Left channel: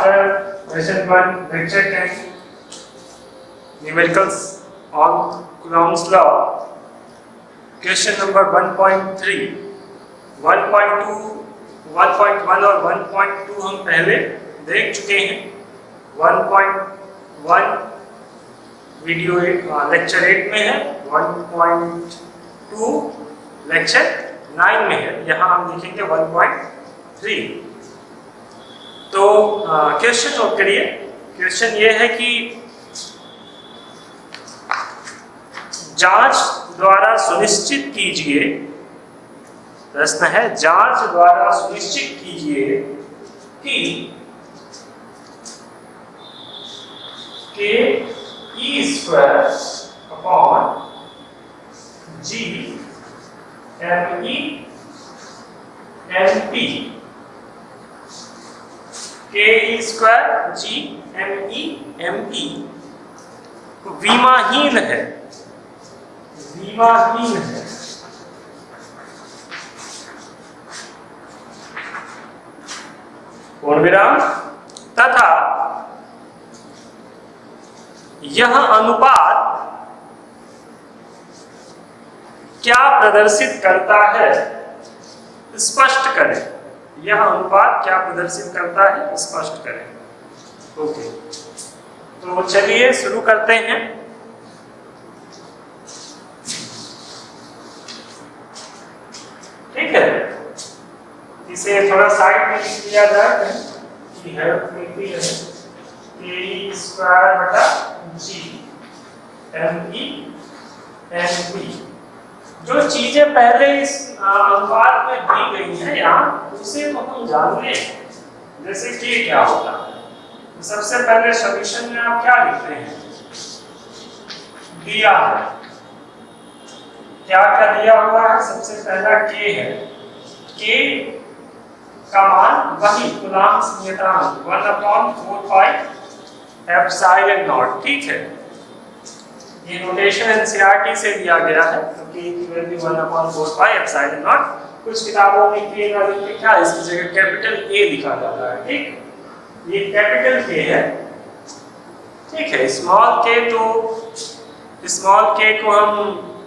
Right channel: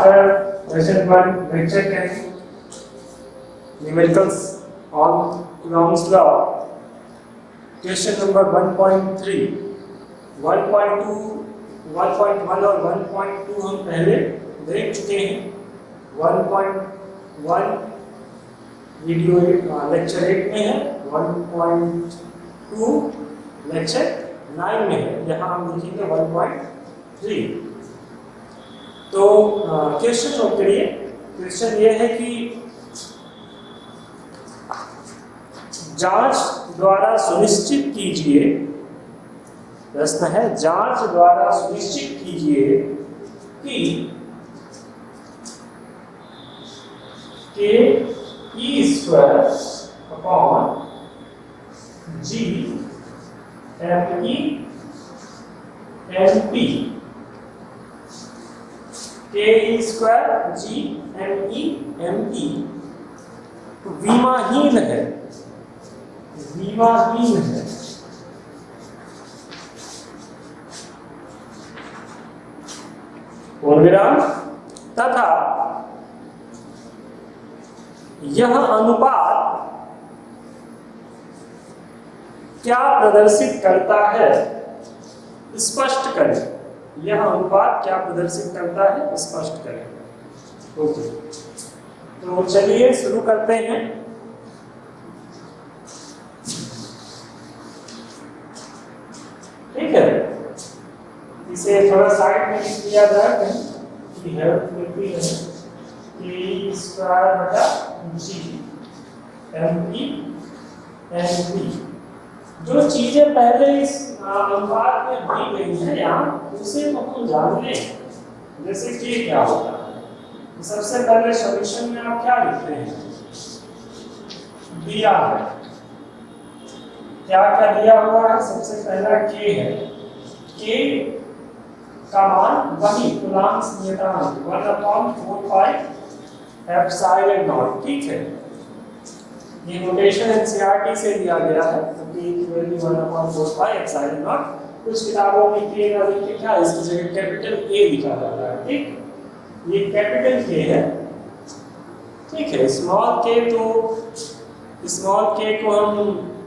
after lesson 1 lecture 10 numericals on Coulomb's law, question number 1.3 1.2 1.1 और 1.2 हम पहले देख चुके हैं। 1.1 वीडियो लेक्चर 8 में है, 1.2 लेक्चर 9 में है। यहाँ हम देखेंगे 1.3। तो क्वेश्चन नोट करिए। क्वेश्चन ये है कि जांच द्वारा सुनिश्चित कीजिए, प्रश्न है जांच द्वारा सुनिश्चित कीजिए कि K E square upon G M E M P, K E square G M E M P विमाहीन है, विमाहीन है। पूर्णविराम तथा यह अनुपात क्या प्रदर्शित करता है, स्पष्ट करें। यह अनुपात क्या प्रदर्शित करता है, स्पष्ट करें। ओके, तो चलिए शुरू करते हैं। ठीक है, इसे थोड़ा साइड में लिख दिया जाए कि हेल्प मिलती है के ई स्क्वायर बटा G M E M P. जो चीजें पहले इस अनुपात में दी गई हैं यहाँ, उसे तो हम जान लें। जैसे के क्या होता है, तो सबसे पहले सॉल्यूशन में आप क्या लिखते हैं, दिया है। क्या क्या दिया हुआ है, सबसे पहला के है। के का मान वही कूलम्ब नियतांक 1/4 एप्सिलॉन नॉट। ठीक है, ये नोटेशन एनसीईआरटी से दिया गया है। तो के की वैल्यू 1/4 एप्सिलॉन नॉट। कुछ किताबों में के ना लिख के क्या इसकी जगह कैपिटल ए लिखा जाता है। ठीक, ये कैपिटल के है। ठीक है, स्मॉल के तो स्मॉल के को हम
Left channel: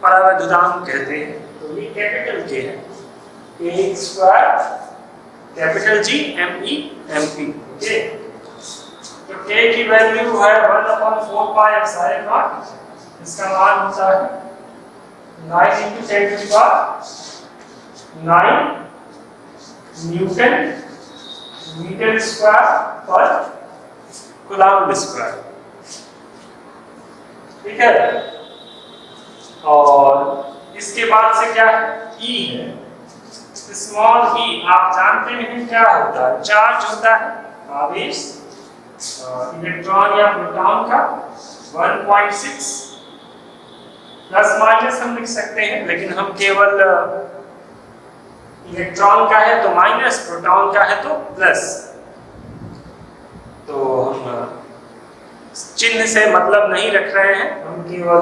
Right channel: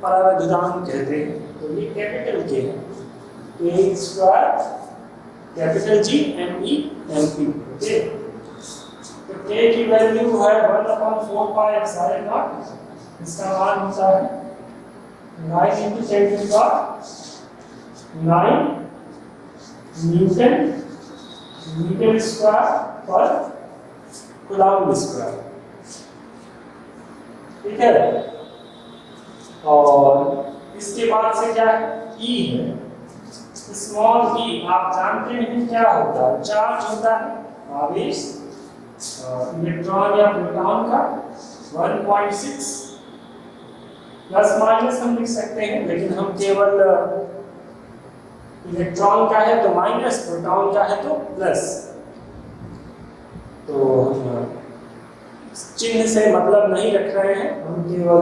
परावैद्युतांक कहते हैं, तो ये कैपिटल के है। K square capital G M E M P. Okay, तो के की वैल्यू है 1/4 एप्सिलॉन नॉट। इसका मान होता है 9 × 10⁹ न्यूटन मीटर स्क्वायर पर कूलम्ब स्क्वायर। ठीक है, और इसके बाद से क्या है, ई है। स्मॉल ई आप जानते हैं क्या होता है, चार्ज होता है, आवेश इलेक्ट्रॉन या प्रोटॉन का 1.6 प्लस माइनस हम लिख सकते हैं, लेकिन हम केवल इलेक्ट्रॉन का है तो माइनस, प्रोटॉन का है तो प्लस। तो हम चिन्ह से मतलब नहीं रख रहे हैं, हम केवल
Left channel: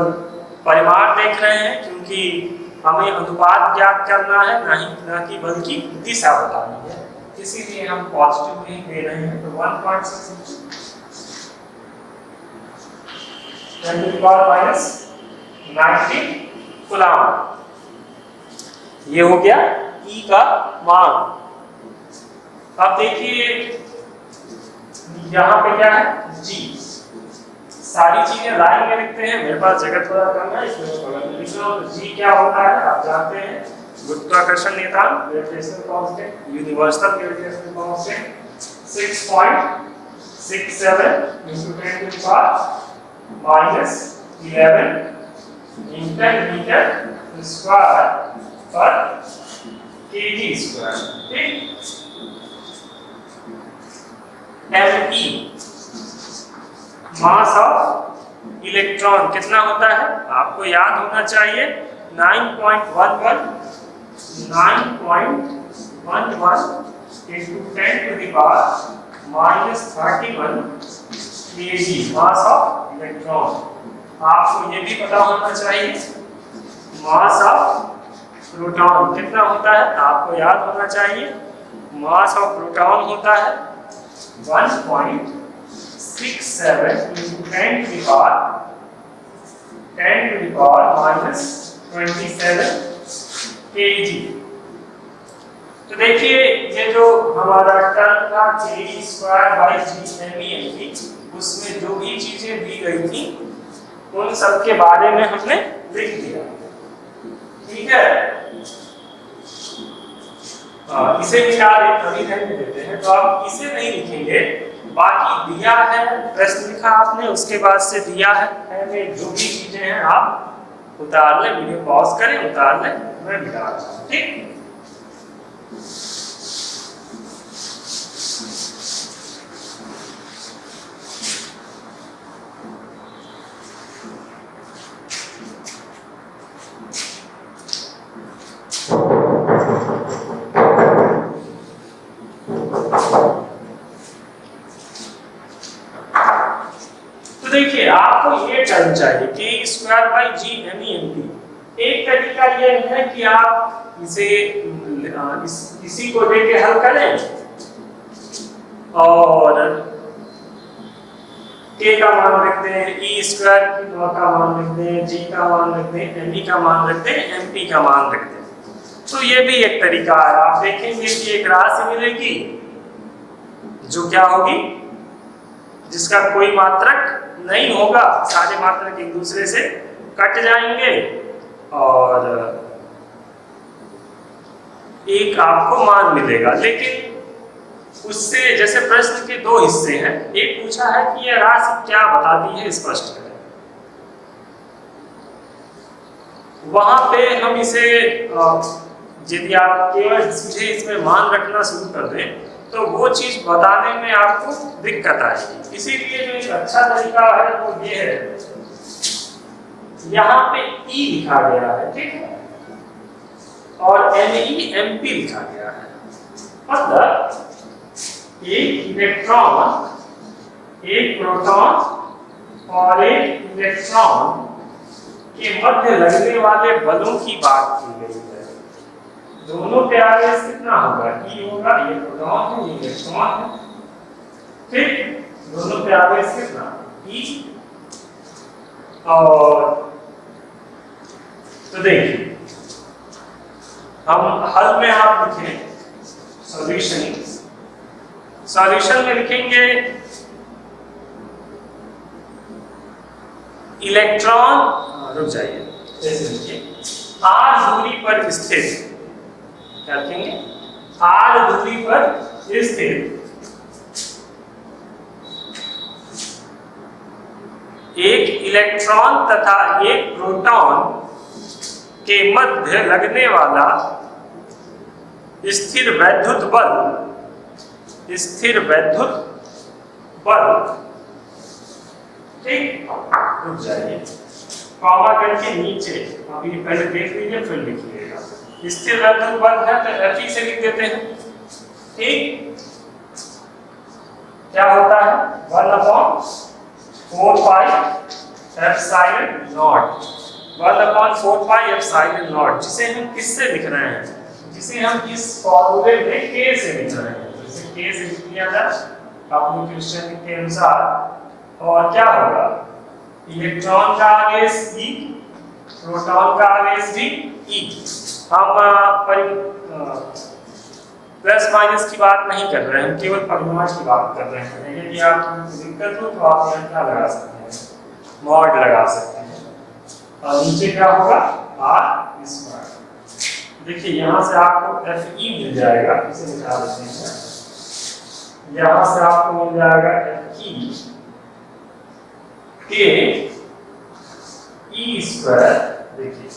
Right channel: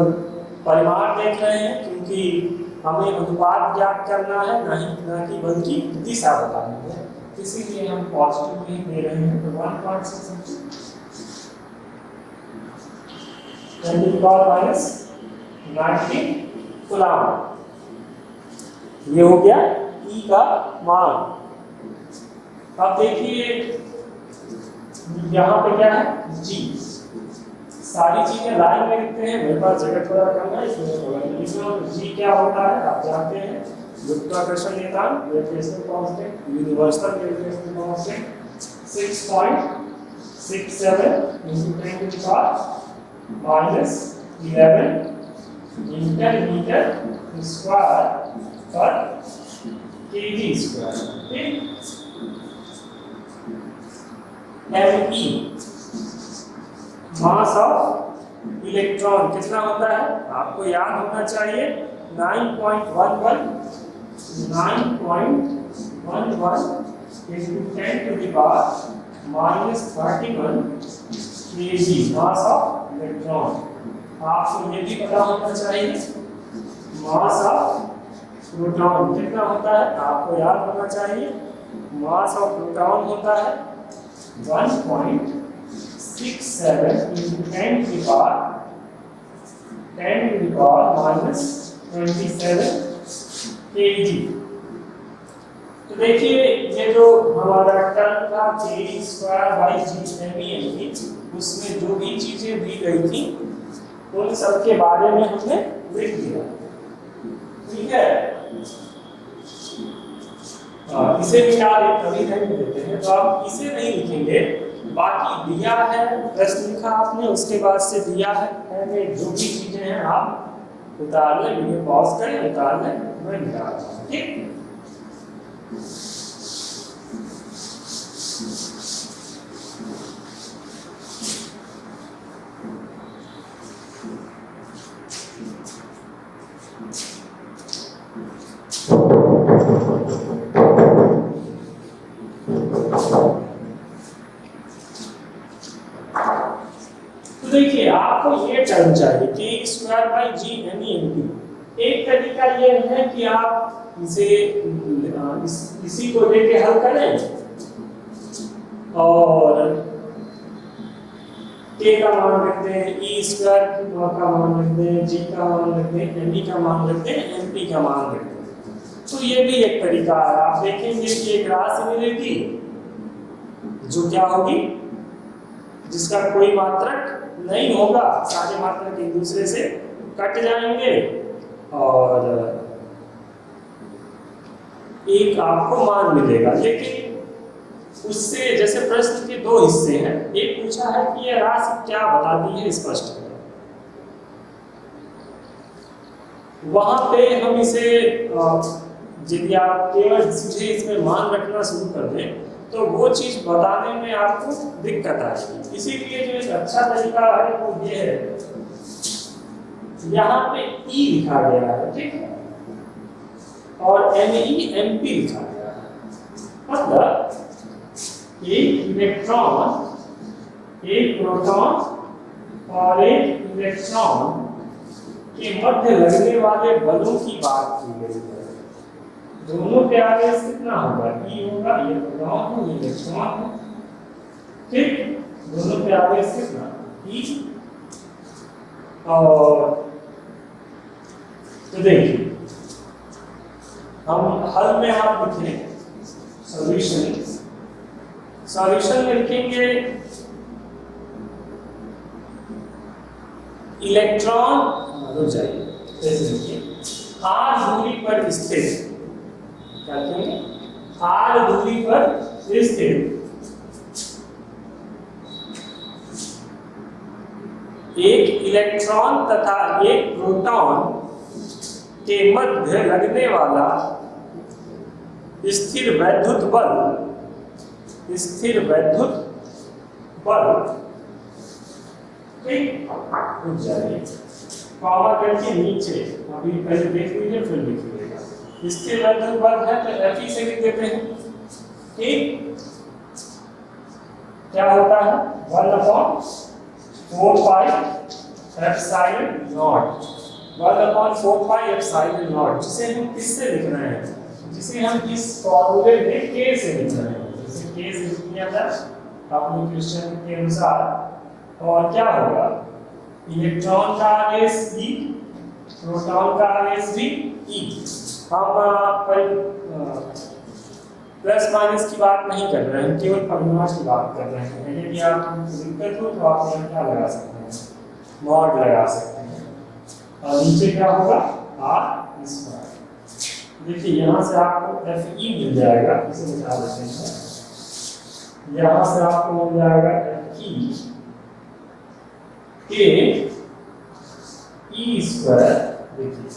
परिमाण देख रहे हैं, क्योंकि हमें अनुपात ज्ञात करना है, ना कि बल्कि दिशा बतानी है। इसीलिए हम पॉजिटिव में ही दे रहे हैं। तो 1.6 × 10⁻90 कूलम्ब, ये हो गया ई का मान। अब देखिए यहाँ पे क्या है, जी। सारी चीजें लाइन में लिखते हैं, मेरे पास जगह थोड़ा कम है, इसलिए बगल में लिख रहा हूं। तो जी क्या होता है आप जानते हैं, गुरुत्वाकर्षण नियतांक, gravitational constant, universal gravitational constant 6.67 × 10⁻11 newton metre square पर केजी स्क्वायर। ठीक, M E mass of electron कितना होता है, आपको याद होना चाहिए 9.11 × 10⁻31 kg मास ऑफ इलेक्ट्रॉन। आपको ये भी पता होना चाहिए मास ऑफ प्रोटॉन कितना होता है, आपको याद होना चाहिए मास ऑफ प्रोटॉन होता है 1.67 into 10 to the power minus 27 kg। तो देखिए ये जो हमारा टर्म था kg²/g उसमें जो भी चीजें दी गई थी उन सब के बारे में हमने लिख दिया, ठीक है। इसे मिटा देते, अभी रहने देते हैं, तो आप इसे नहीं लिखेंगे, बाकी दिया है प्रश्न लिखा आपने, उसके बाद से दिया है में जो भी चीजें हैं आप उतार लें, वीडियो पॉज करें, उतार लें, मैं मिटा रहा हूं, ठीक। देखिए आपको ये टर्म चाहिए k²/g_MEMP। एक तरीका ये है कि आप इसे इसी को लेके हल करें और k का मान रख दें, e² का मान रख दें, g का मान रख दें, me का मान रख दें, mp का मान रख दें। तो ये भी एक तरीका है। आप देखेंगे कि एक राशि मिलेगी जो क्या होगी, जिसका कोई मात्रक नहीं होगा, सारे मात्रक एक दूसरे से कट जाएंगे और एक आपको मान मिलेगा। लेकिन उससे जैसे प्रश्न के दो हिस्से हैं, एक पूछा है कि यह राशि क्या बताती है, स्पष्ट करें। वहां पे हम इसे यदि आप केवल सीधे इसमें मान रखना शुरू कर दें तो वो चीज बताने में आपको दिक्कत आएगी। इसीलिए जो एक अच्छा तरीका है वो ये है, यहाँ पे E लिखा गया है, ठीक है, और MEMP लिखा गया है। मतलब एक इलेक्ट्रॉन, एक प्रोटॉन और एक इलेक्ट्रॉन के मध्य लगने वाले बलों की बात की गई है। दोनों पे आवेश कितना होगा, E होगा, ये प्रोटॉन है, ये इलेक्ट्रॉन है, ठीक। दोनों पे आवेश कितना, E। और तो देखिए हम हल में आप लिखें सॉल्यूशन में लिखेंगे इलेक्ट्रॉन, रुक जाइए, ऐसे लिखिए, r दूरी पर स्थित, क्या लिखेंगे, r दूरी पर स्थित एक इलेक्ट्रॉन तथा एक प्रोटॉन के मध्य लगने वाला स्थिर वैद्युत बल, ठीक। रुक जाइए, कॉमा करके नीचे अभी पहले देख लीजिए फिर लिखिएगा। स्थिर वैद्युत बल है तो Fe से लिख देते हैं, ठीक। क्या होता है 1/4πε0 जिसे हम किससे लिख रहे हैं, जिसे हम इस फॉर्मूले में k से लिख रहे हैं। जैसे k से लिख दिया जाए अपने क्वेश्चन के अनुसार, और क्या होगा, इलेक्ट्रॉन का आवेश E, प्रोटॉन का आवेश भी E। हम प्लस माइनस की बात नहीं कर रहे हैं, केवल परिमाण की बात कर रहे हैं। यदि आपको दिक्कत हो तो आप यहाँ क्या लगा सकते हैं, मॉड लगा सकते हैं, और नीचे क्या होगा r²। देखिए यहाँ से आपको Fe मिल जाएगा, इसे निकाल देते हैं, यहाँ से आपको मिल जाएगा Fe के E², देखिए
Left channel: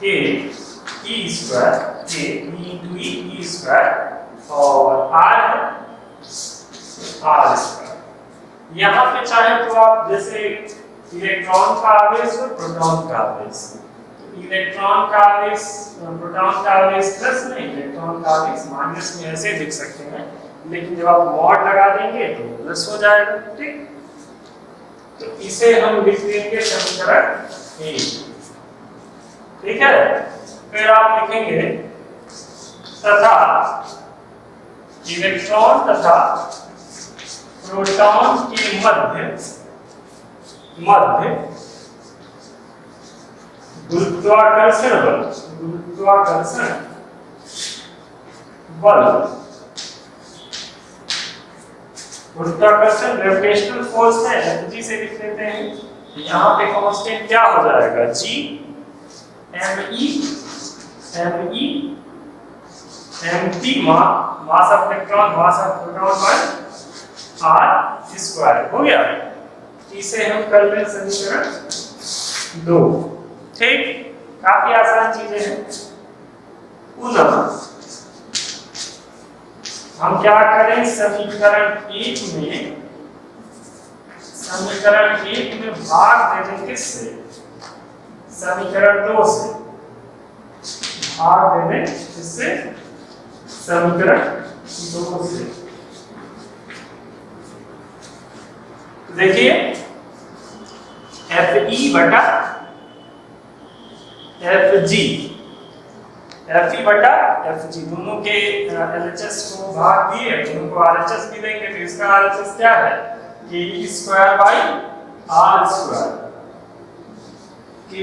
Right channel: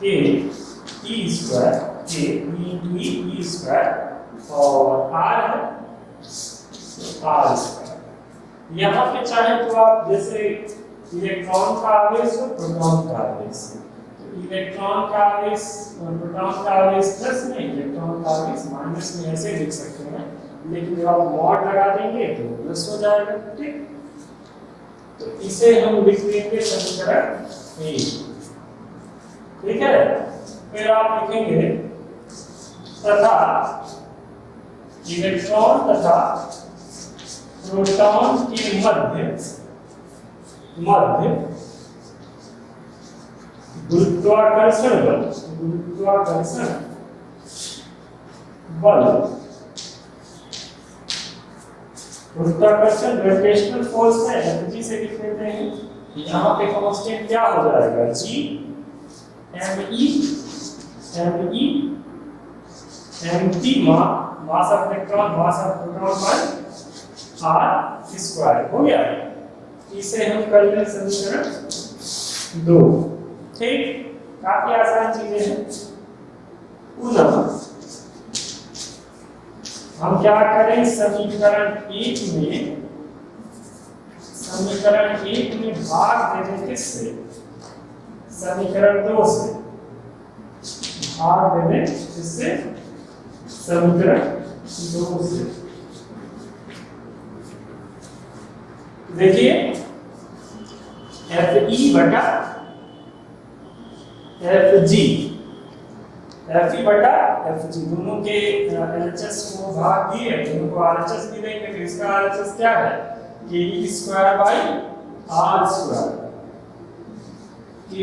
के E² के E² और R है R²। यहाँ पे चाहे तो आप जैसे इलेक्ट्रॉन का आवेश और प्रोटॉन का आवेश, तो इलेक्ट्रॉन का आवेश प्रोटॉन का आवेश प्लस में, इलेक्ट्रॉन का आवेश माइनस में, ऐसे लिख सकते हैं। लेकिन जब आप मॉड लगा देंगे तो प्लस हो जाएगा, ठीक। तो इसे हम लिख देंगे समीकरण 1, ठीक है। फिर आप लिखेंगे तथा इलेक्ट्रॉन तथा प्रोटॉन के मध्य गुरुत्वाकर्षण ग्रेविटेशनल फोर्स है Fg से लिख लेते हैं। यहाँ पे कांस्टेंट क्या हो जाएगा, G me mass of electron mass of proton by r square हो गया। इसे हम कर लें समीकरण 2। ठीक, काफी आसान चीजें हैं। पुनः हम क्या करें, समीकरण 1 में भाग देने किससे, समीकरण 2 से भाग देने किससे, समीकरण 2 से। तो देखिए Fe बटा Fg दोनों के LHS को भाग दिए, दोनों को RHS भी देंगे, तो इसका RHS क्या है, Ke square by R square, Ke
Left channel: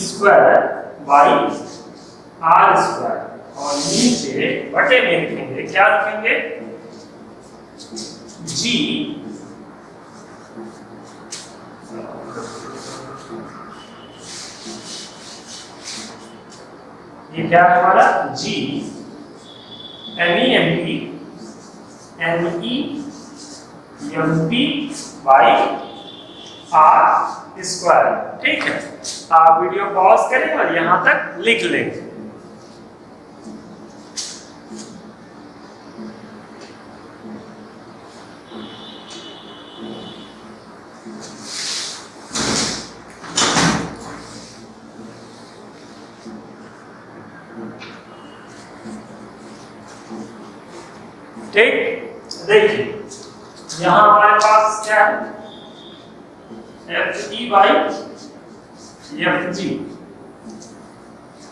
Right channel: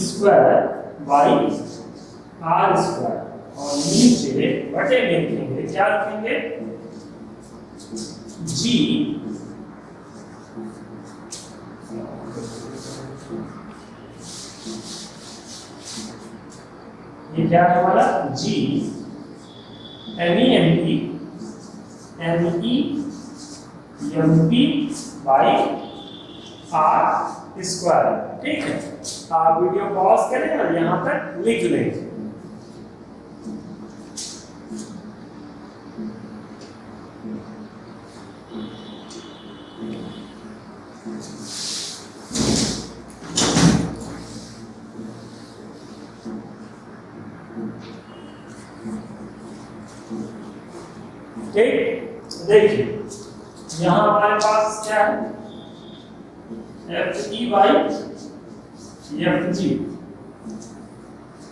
square by R square, और नीचे बटे में लिखेंगे, क्या लिखेंगे, G ये क्या है हमारा, G MEMP by R square. ठीक है, आप वीडियो पॉज करें और यहां तक लिख लेंगे। ठीक, देखिए यहां हमारे पास क्या है, Fe by Fg,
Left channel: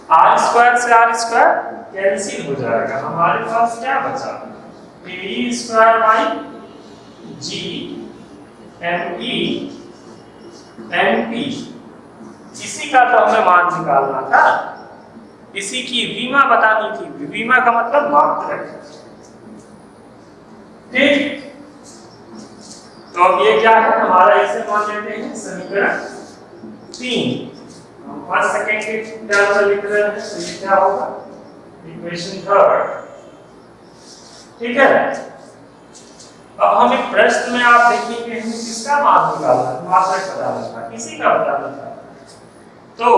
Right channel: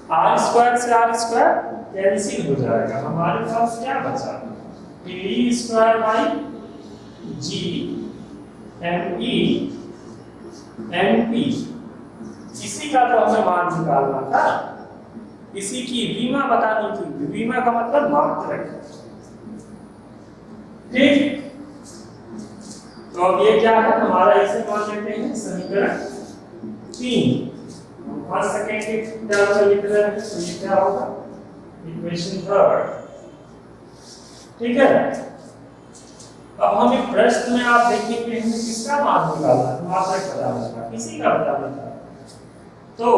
R square से R स्क्वायर कैंसिल हो जाएगा, हमारे पास क्या बचा, Ke square by G MEMP। इसी का तो हमें मान निकालना था, इसी की विमा बतानी थी, विमा का मतलब मात्रक। ठीक, तो अब ये क्या है हमारा, इसे मान लेते हैं समीकरण 3। हम फर्स्ट सेकंड के टर्म में लिख रहे हैं, तो ये क्या होगा, इक्वेशन 3। ठीक है, अब हमें प्रश्न में आप देखेंगे हमें किसका मान निकालना है, मात्रक बताना था, किसी का बताना था। तो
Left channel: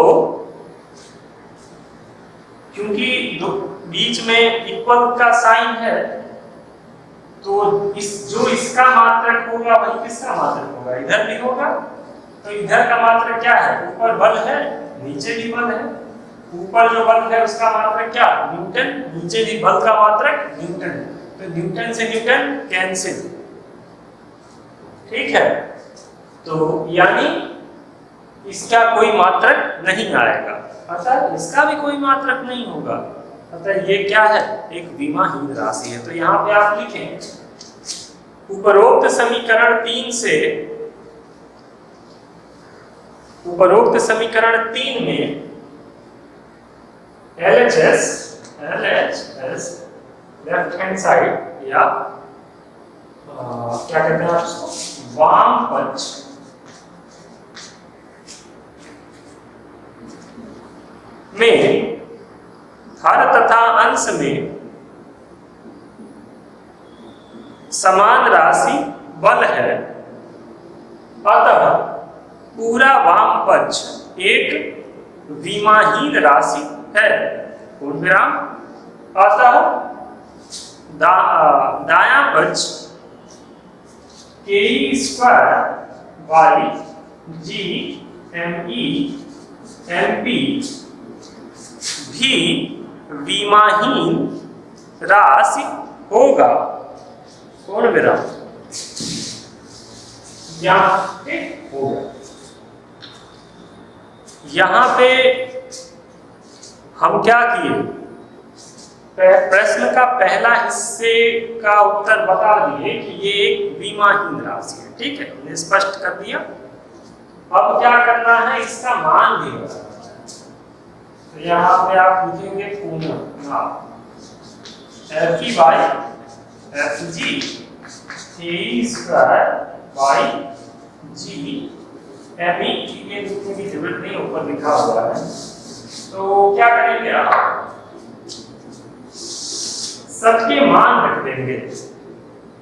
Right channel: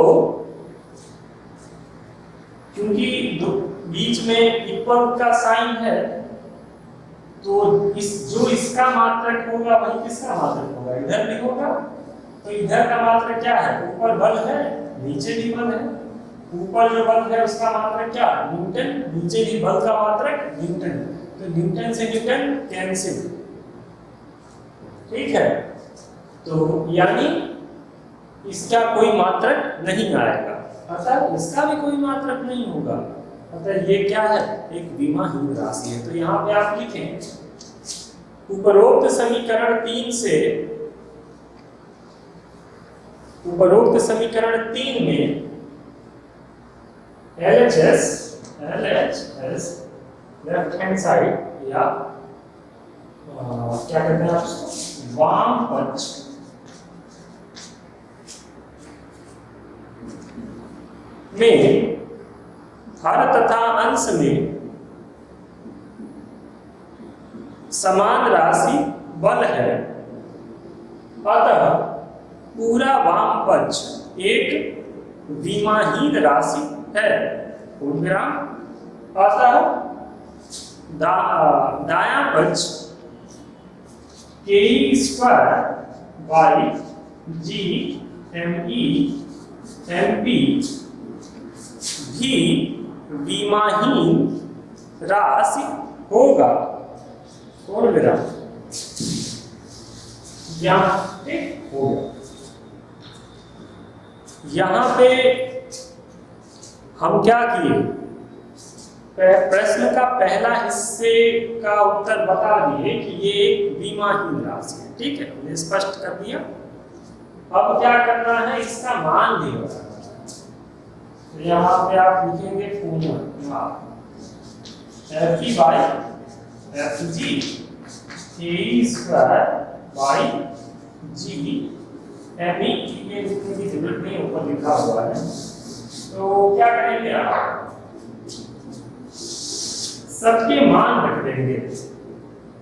क्योंकि बीच में इक्वल का साइन है, तो जो इसका मात्रक होगा वही किसका मात्रक होगा, इधर भी होगा। तो इधर का मात्रक क्या है, ऊपर बल है नीचे भी बल है, ऊपर जो बल है उसका मात्रक क्या, न्यूटन, नीचे भी बल का मात्रक न्यूटन, तो न्यूटन से न्यूटन कैंसिल। ठीक है, तो यानी इसका कोई मात्रक नहीं आएगा, अतः इसका भी कोई मात्रक नहीं होगा, अतः ये क्या है, एक विमाहीन राशि है। तो यहाँ पे आप लिखें, उपरोक्त समीकरण 3 में LHS लेफ्ट हैंड साइड, या क्या कहते हैं आप उसको, वाम पक्ष में हर तथा अंश में समान राशि बल है, अतः पूरा वाम पक्ष एक विमाहीन राशि है, पूर्णविराम, अतः दायां पक्ष Ke square by G MEMP भी विमाहीन राशि होगा, पूर्णविराम, यहाँ पे हो गया। यहाँ पे हम क्या किए, प्रश्न का पहला हिस्से का उत्तर बता दिए कि ये एक विमाहीन राशि है, ठीक है, हमने स्पष्ट कर दिया। अब क्या करना है, इसका मान भी बताना है। तो यहाँ पे आप लिखेंगे पुनः F E by F G A square by G M E, ये लिखने की जरूरत नहीं, ऊपर लिखा हुआ है। तो क्या करेंगे आप, सबके मान रख देंगे।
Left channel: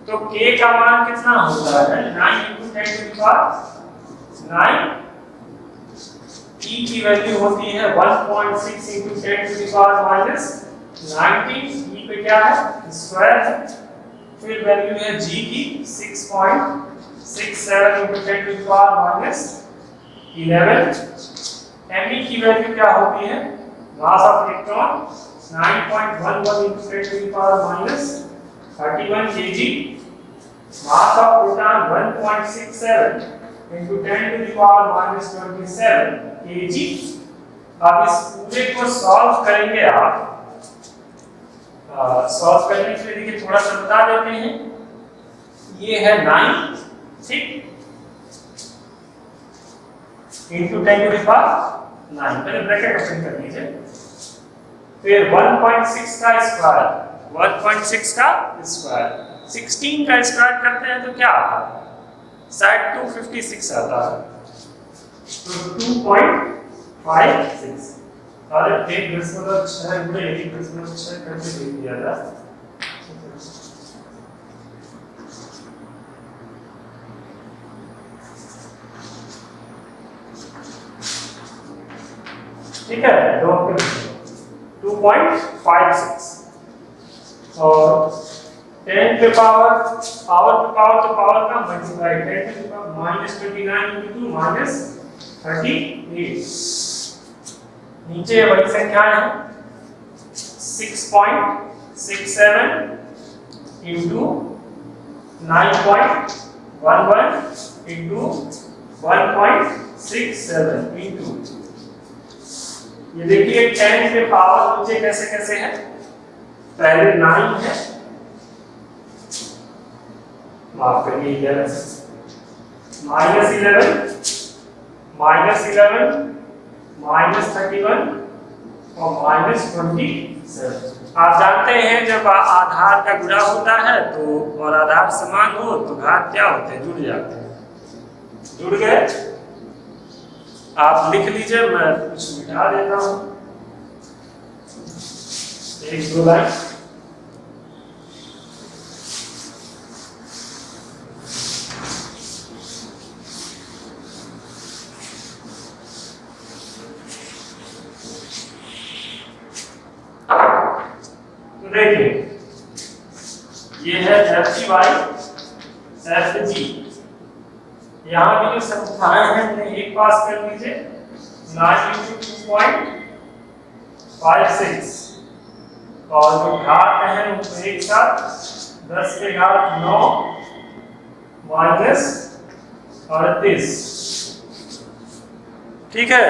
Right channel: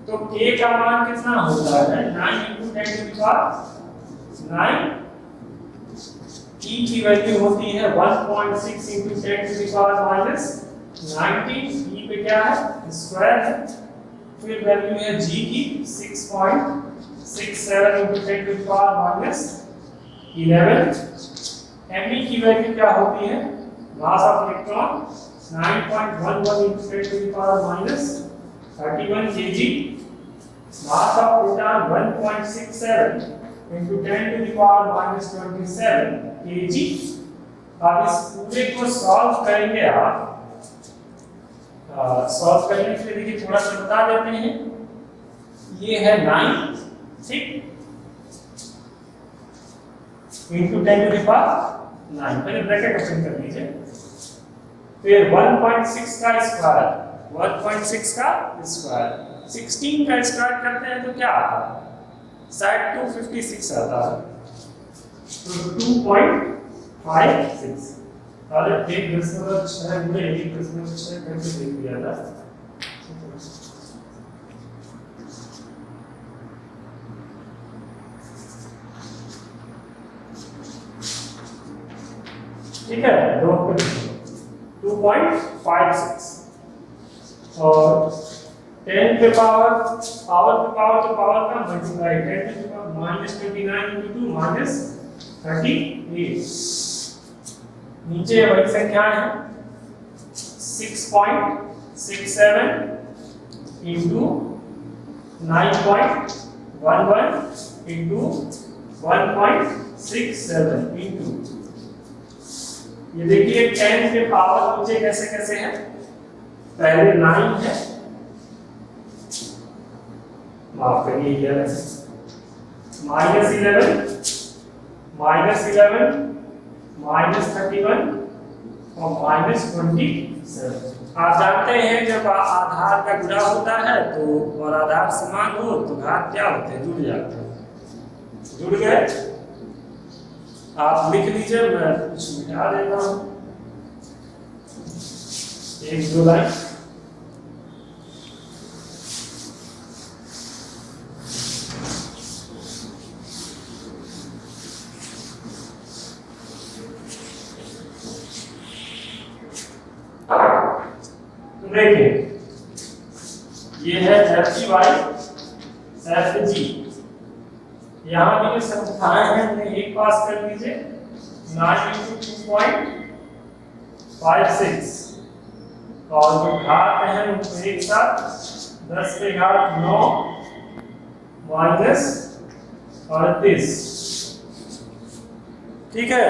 तो k का मान कितना होता है, 9 × 10⁻9, e की वैल्यू होती है 1.6 × 10⁻19, e पे क्या है, स्क्वायर है। फिर वैल्यू है g की 6.67 × 10⁻11, me की वैल्यू क्या होती है, मास of electron 9.11 × 10⁻31 kg, mass of proton 1.67 × 10⁻27 kg। अब इस पूरे को सॉल्व करेंगे आप, सॉल्व करने के लिए देखिए थोड़ा सा बता देते हैं। ये है 9, ठीक, into 10⁻9, पहले ब्रैकेट ओपन कर लीजिए। फिर 1.6 का स्क्वायर, 1.6 का स्क्वायर 16 का स्क्वायर करते हैं तो क्या आता है, शायद 256 आता है। तो 2.56, अरे एक 10⁻6 गुणे 1.6 करके लिख दिया था। ठीक है, 2.56 और 10 पे पावर तो पावर का मल्टीप्लाई, 10 to the power -29 × 2 -38। नीचे बड़ी संख्याएं हैं, 6.67 × 9.11 × 1.67 × ये देखिए 10 पे पावर नीचे कैसे कैसे है, पहले 9 है, माफ करिए 11, -11 -31 और -27। आप जानते हैं जब आधार का गुणा होता है तो और आधार समान हो तो घात क्या होते हैं, जुड़ जाते हैं। जुड़ गए, आप लिख लीजिए, मैं कुछ मिटा देता हूं, 1-2 लाइन। तो देखिए ये है एफ जी बाई एफ जी, यहाँ भी जो संख्याएं हैं उन्हें एक पास कर लीजिए, 9 × 2.56 और जो घात है उनको एक साथ 10 पे घात 9 -38, ठीक है।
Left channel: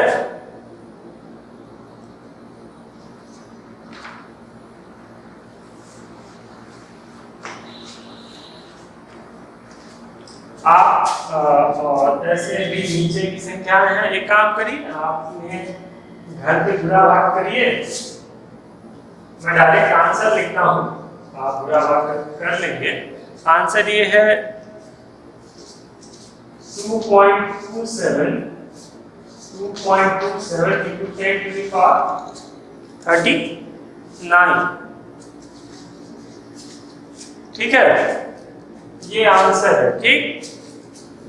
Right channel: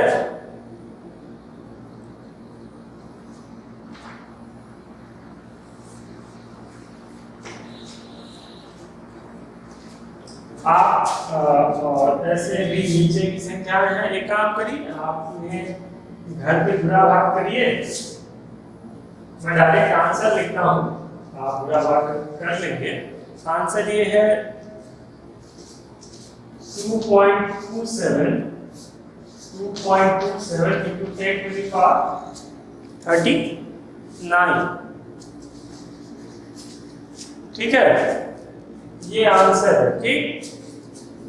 आप और ऐसे भी नीचे की संख्याएं हैं, एक काम करिए आप इन्हें घर पे बुरा भाग करिए, मैं डायरेक्ट आंसर लिखता हूं, आप बुरा भाग कर लेंगे। आंसर ये है 2.27 × 10⁻39, ठीक है, ये आंसर है, ठीक।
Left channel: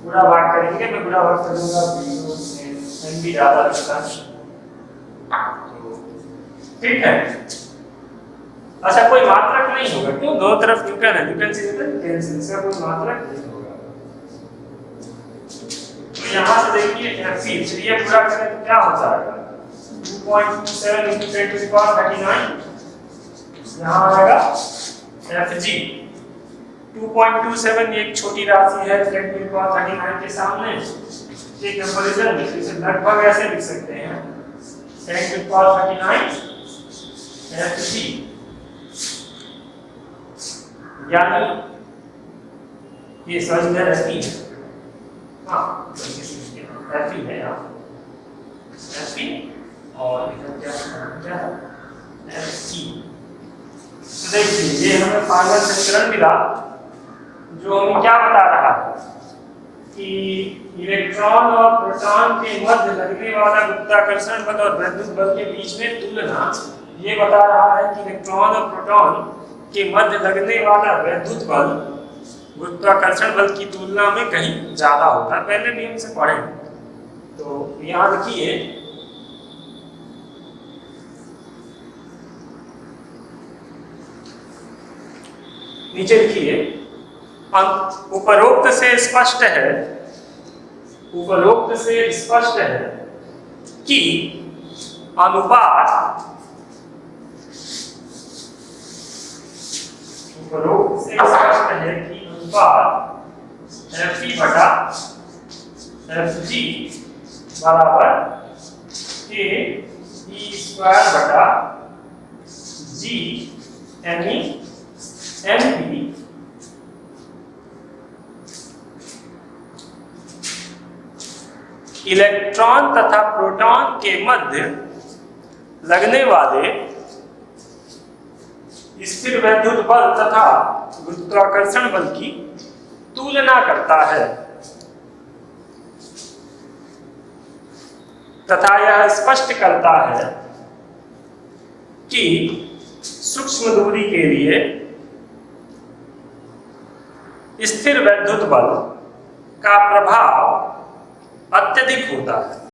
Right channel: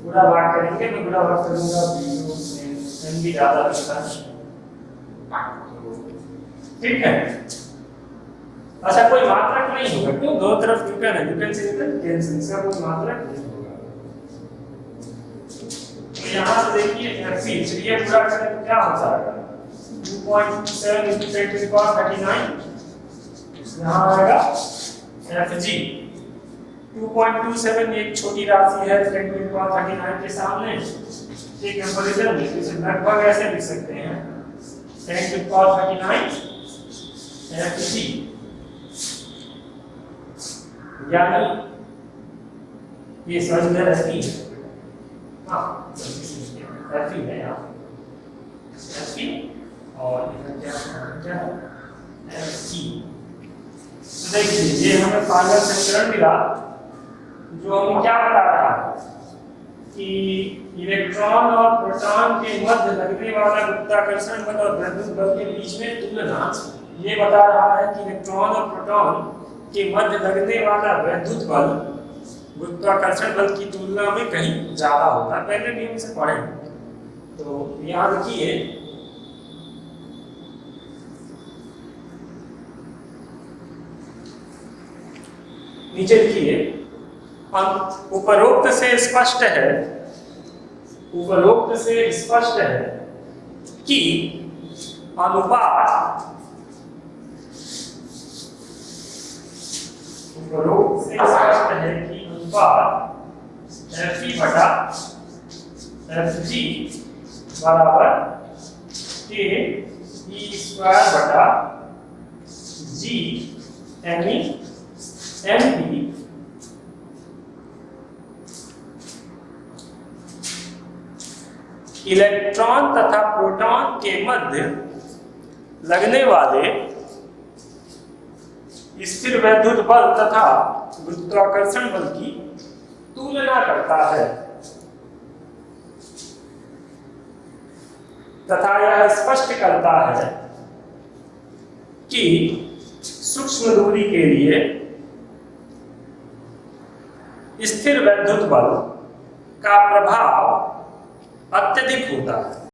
बुरा भाग करेंगे, मैं बुरा भाग करूंगा, एन भी ज्यादा लगता है, ठीक है। अच्छा, कोई मात्रक नहीं होगा, क्यों, दो तरफ न्यूटन है, न्यूटन से कैंसिल, इसका कोई मात्रक नहीं होगा। तो यहां से देखिए एफ चलिए पूरा करें तो क्या होता है, 2.27 × 10⁻39, यहां आएगा एफ जी 2.27, एक छोटी राशि है 10⁻39 के सामने, एक कंपैरिजन में इसे लगभग ऐसे लिख सकते हैं 10⁻39 Fg, यानी ये समझ में रहती है, हाँ Fe है यहाँ Fe और इधर क्या है Fc। तो देखिए ये हमें फाइनल समीकरण मिला जो हमें क्या बता रहा है कि इलेक्ट्रॉन और प्रोटॉन के मध्य लगने वाला गुरुत्वाकर्षण बल और वैद्युत बल के बीच में तुलना ये बता रहा है कि इलेक्ट्रॉन और प्रोटॉन के मध्य लगने वाला वैद्युत बल गुरुत्वाकर्षण बल की तुलना में कहीं ज्यादा होता है। पहले भी हम इसे पढ़े, तो यहाँ देखिए नीचे लिखिए उपरोक्त से स्पष्ट है कि अनुपात Fe बटा Fg बराबर k e स्क्वायर बटा g me mp इलेक्ट्रॉन तथा प्रोटॉन के मध्य लगने वाले स्थिर वैद्युत बल तथा गुरुत्वाकर्षण बल की तुलना करता है तथा यह स्पष्ट करता है कि सूक्ष्म दूरी के लिए स्थिर वैद्युत बल का प्रभाव अत्यधिक होता है।